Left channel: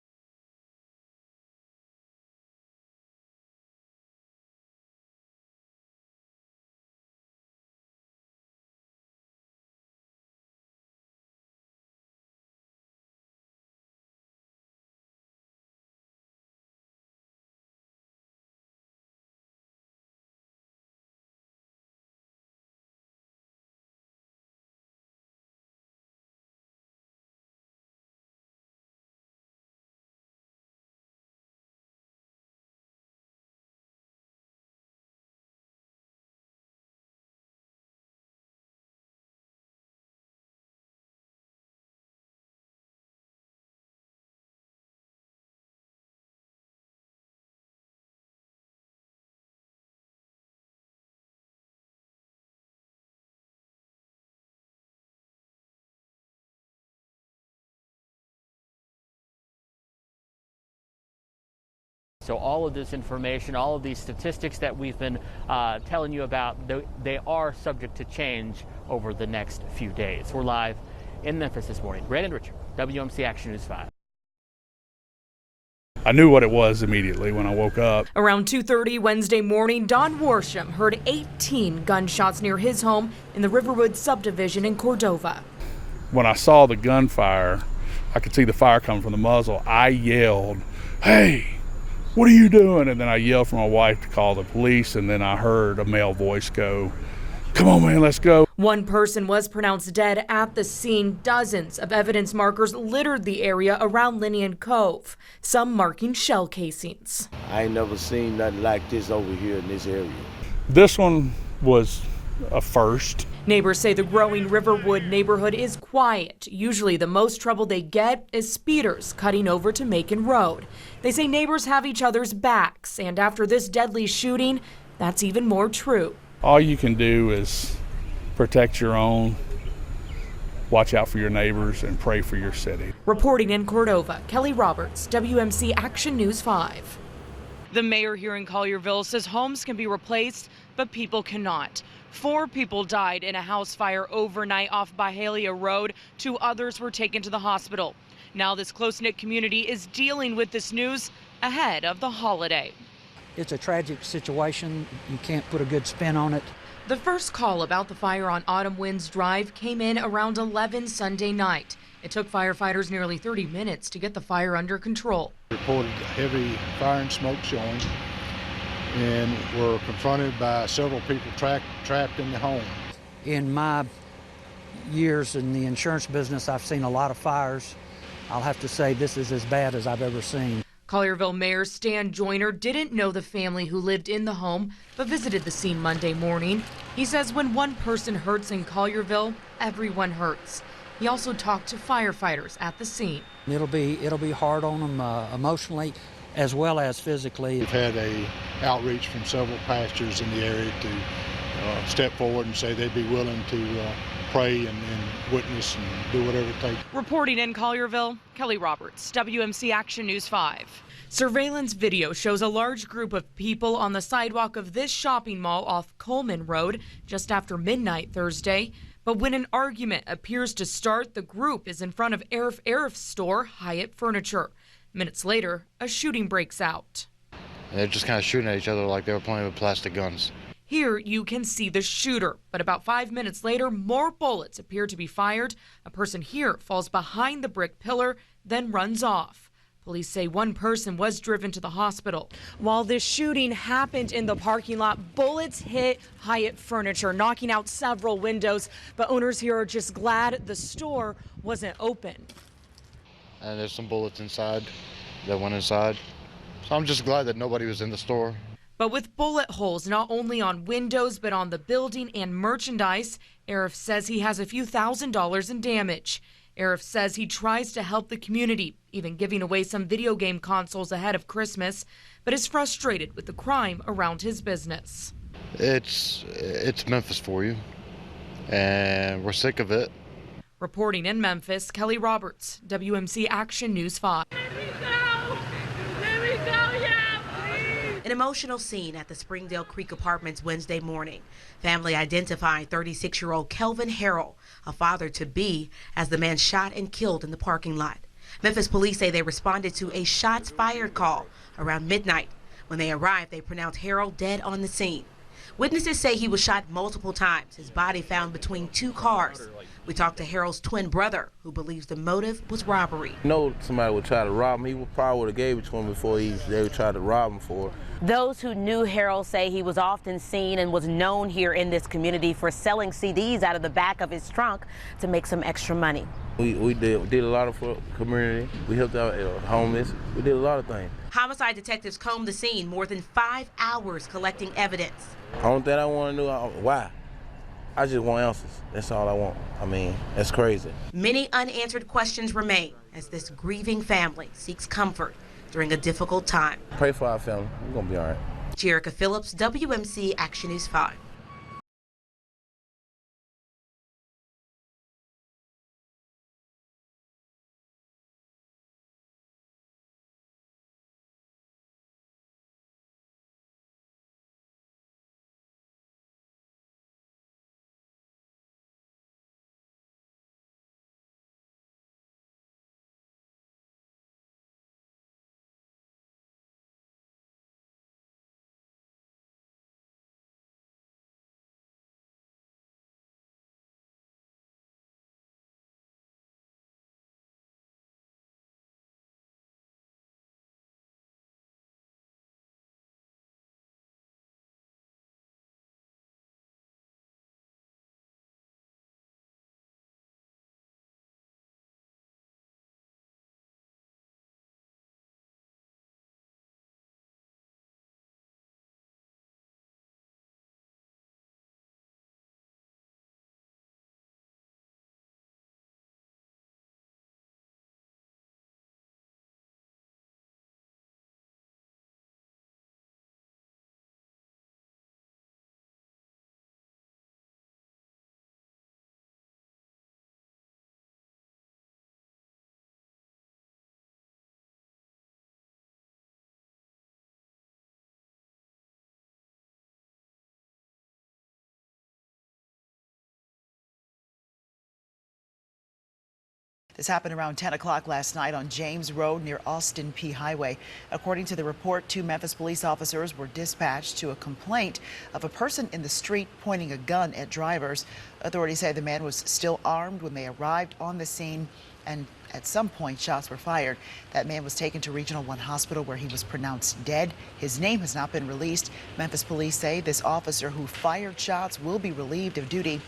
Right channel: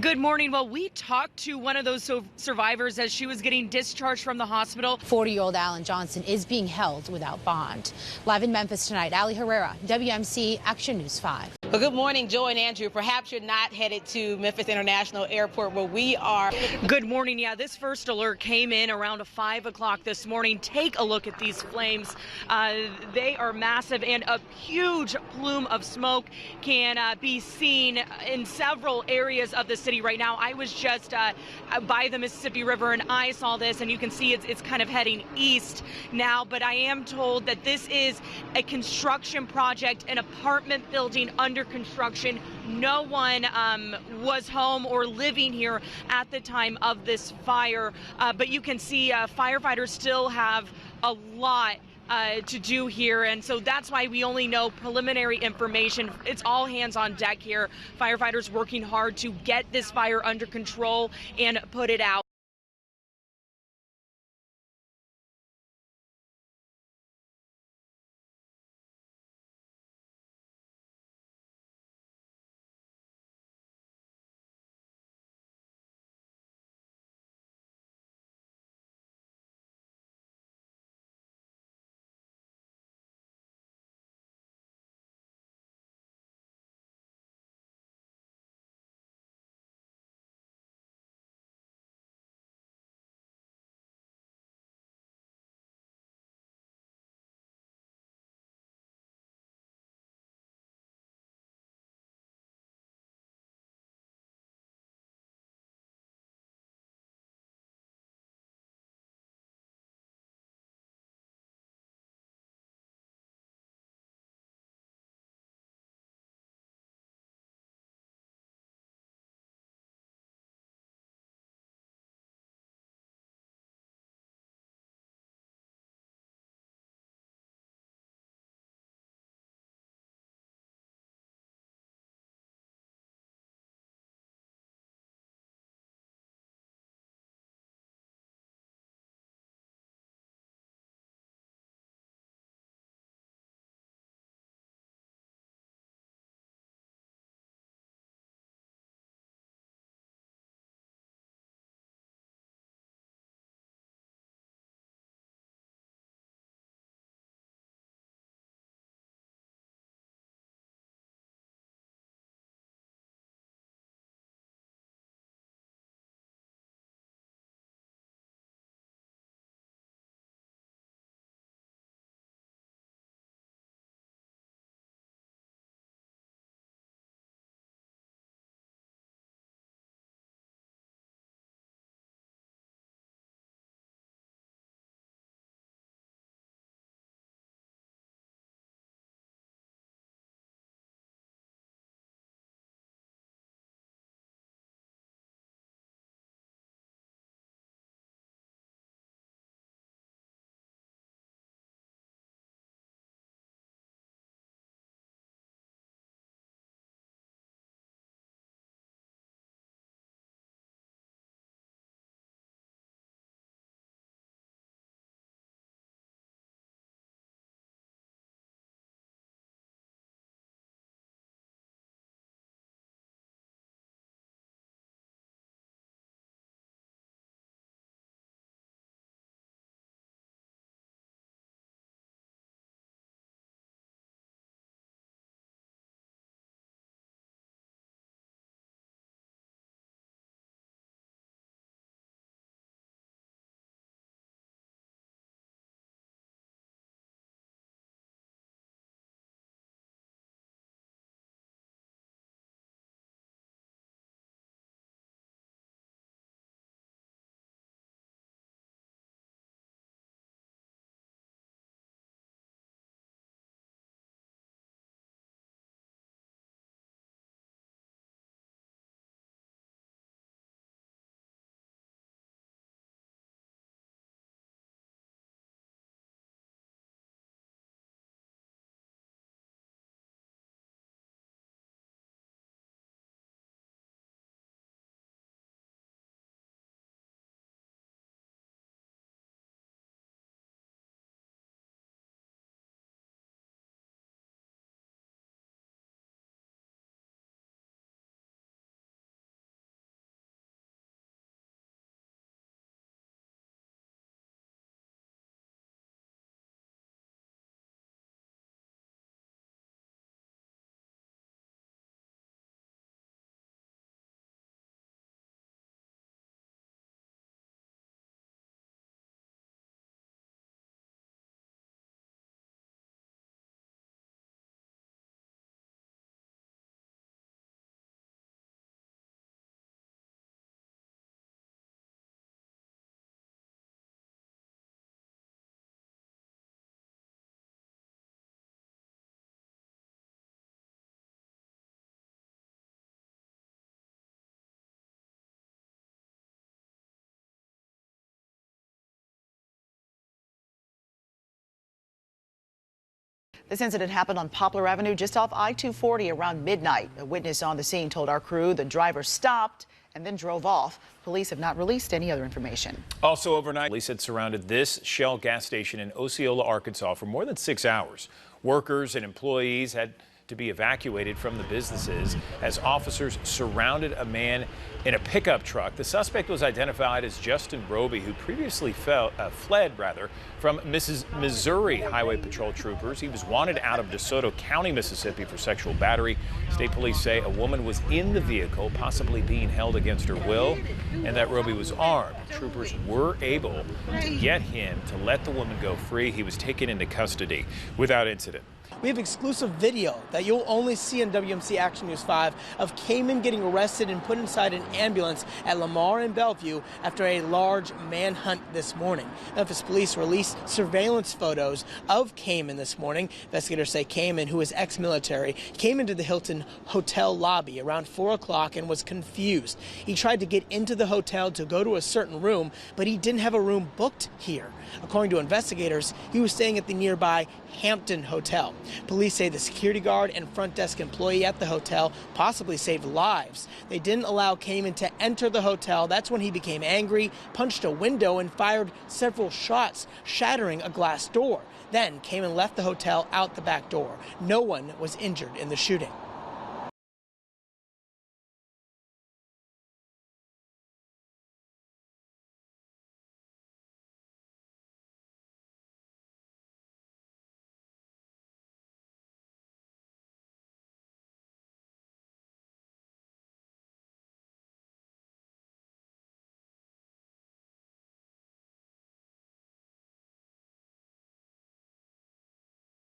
Good morning. Well, we talked to one of those survivors as she was getting discharged from the hospital. 40-year-old Alan Johnson is being held without bond. Live in Memphis tonight, Ali Herrera, WMC Action News 5. Well, good morning, Joy and Andrew. Perhaps you're not headed to Memphis International Airport where we are. Good morning. Yeah, this first alert came in around 5 o'clock this morning. Take a look at these flames. They are massive, and a huge plume of smoke can be seen in several areas of the city right now. I was just by the Mississippi River, and I saw this, and you can see it's kind of heading east now. But I am told that this is a construction project, an apartment building under construction. No one was home or living here at the time of this fire, but you can see firefighters still have a lot to do here, and so that's why we only know preliminary information. It's all hands on deck here. Firefighters working hard to get this fire under control and put it out. So all of this information, all of these statistics that we've been telling you about, they are subject to change over the next few days. We're live in Memphis this morning. Brandon Richard, WMC Action News 5. I knew what it was immediately when I woke up. Around 2:30 Wednesday morning, Don Worsham heard 18 gunshots near his home in the Riverwood subdivision in Cordova. When I saw the gunfire, I could see the fire coming from the muzzle. I yelled, "Hey, what are you doing?" And then I yelled for my wife to call the police, and then I heard a male voice go, "Come on, man, let's go." One person was pronounced dead at the scene. Dozens of evidence markers littered the area around Linian Cove, some marking shell casings. I ain't never seen nothing like this over here in this area. This one was a first. Neighbors say the growing Riverwood neighborhood is quiet. Usually the most trouble they get is speeders cutting over to Macon Road. They say neighbors have each other's backs, and after this deadly shooting, that's even more true. All you can do is protect your own, watch out for your neighbors, and pray for your city. Reporting in Cordova, Kelly Roberts, WMC Action News 5. The mayor here in Collierville says homes can be replaced, but people cannot. 4 people died in a house fire overnight off Byhalia Road. 2 others were taken to the hospital. Now this close-knit community is dealing with this news ahead of the holiday. It's a tragic situation. You can't put a good spin on it. The first call about the fire on Autumn Winds Drive came in around 11 Sunday night. It took firefighters nearly 30 minutes to get the fire under control. Reported heavy fire and smoke showing, and were confronted by several people trapped in the home. In my years in the insurance business, I've seen a lot of fires. I'll have to say this is as bad as I've ever seen. Collierville Mayor Stan Joyner didn't know the family who lived in the home, but visited the scene Monday morning. He says when one person hurts in Collierville, everyone hurts. He also talked to firefighters at the scene. It'll be hard on them emotionally as well as physically. We've had a outreach from several pastors in the area to step forward and say they'd be willing to pray and witness and do whatever it takes. Reporting in Collierville, Kelly Roberts, WMC Action News 5. Surveillance video shows a large group of people on the sidewalk of this shopping mall off Coleman Road just after midnight Thursday. But when an argument appears to start, the group is in front of Arif's store, Hyatt Furniture. Minutes later, a shooting breaks out. They're just kind of shooting at each other like they were playing with plastic guns. Here you can see the shooter, but about 5 minutes later, more bullets appear to be fired. A person here falls behind the brick pillar, then runs off. Police say one person was driven to the hospital. While this shooting happened in the parking lot, bullets hit Hyatt Furniture, knocking out several windows. But owners here are just glad the store wasn't open. And there's some bullets inside that went inside. So I'm just glad that nobody was in the store. But with bullet holes not only on windows but on the building and merchandise, Arif says he has a few $1,000s in damage. Arif says he tries to help the community, even giving away some video game consoles ahead of Christmas, but is frustrated with the crime around his business. It's Memphis for you, and we're sick of it. Reporting in Memphis, Kelly Roberts, WMC Action News 5. An emotional scene at the Springdale Creek Apartments Wednesday morning. Family identifying 36-year-old Kelvin Harrell, a father-to-be, as the man shot and killed in the parking lot. Memphis police say they responded to a shots fired call around midnight. When they arrived, they pronounced Harold dead on the scene. Witnesses say he was shot multiple times, his body found between two cars. We talked to Harold's twin brother, who believes the motive was robbery. Somebody would try to rob him. He probably would have gave it to him before they would try to rob him for it. Those who knew Harold say he was often seen and was known here in this community for selling CDs out of the back of his trunk to make some extra money. We did a lot for the community. We helped out homeless. We did a lot of things. Homicide detectives combed the scene more than 5 hours collecting evidence. The only thing I want to know, why? I just want answers. That's all I want. I mean, that's crazy. Many unanswered questions remain as this grieving family seeks comfort during a difficult time. Pray for our family. We're going to be all right. Jerica Phillips, WMC Action News 5. This incident happened on Poplar Avenue just off I-240 around midnight. A witness on the scene told our crew the driver stopped and then drove off. Police have not released any other information. Also overnight, police had surrounded this Shell gas station in Osceola, Arkansas for more than 6 hours. Workers and employees had to be evacuated from the businesses as officers surrounded a man in a pickup truck. The suspect was identified as Justin Roby, who previously fled from Missouri Highway Patrol troopers. He was wanted out of DeSoto County, Mississippi for sexual battery. State police say a woman was in the vehicle, possibly being held against her will, and that Roby was armed. Troopers were able to get him to let the woman go free. He was taken into custody without incident. We have exclusive video that you'll only see on WMC Action News 5 of Cayman getting arrested and put inside an ambulance at Lamar and Bellevue after a large manhunt this morning. Memphis police released surveillance photos of Cayman this morning. Investigators say Cayman, who is ex-military, came into the Hilton hotel lobby around 4 o'clock and was confused. He tried to get into the hotel to go to a certain room, but he didn't have a room booked here. According to investigators, he was staying at the nearby Hampton Hotel. Police say the security guard and front desk employee at the hotel possibly saved lives. They didn't allow Cayman to enter the hotel. That's when he became angry, punched a window, and fired several shots, shattering a glass door. Then Cayman left the hotel out the back door. No one was injured in the shooting. This happened around 10 o'clock last night on James Road near Austin P. Highway. According to the report, 2 Memphis police officers were dispatched to a complaint of a person in the street pointing a gun at drivers. Authorities say the man was still armed when they arrived on the scene, and at some point shots were fired. That man was taken to Regional 1 Hospital where he was pronounced dead. His name has not been released. Memphis police say this officer who fired shots will be relieved of duty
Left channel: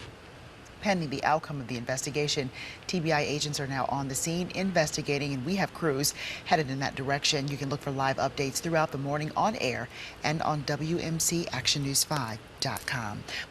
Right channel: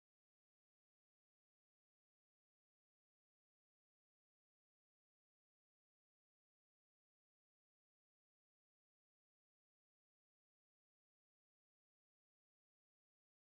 pending the outcome of the investigation. TBI agents are now on the scene investigating, and we have crews headed in that direction. You can look for live updates throughout the morning on air and on WMCActionNews5.com.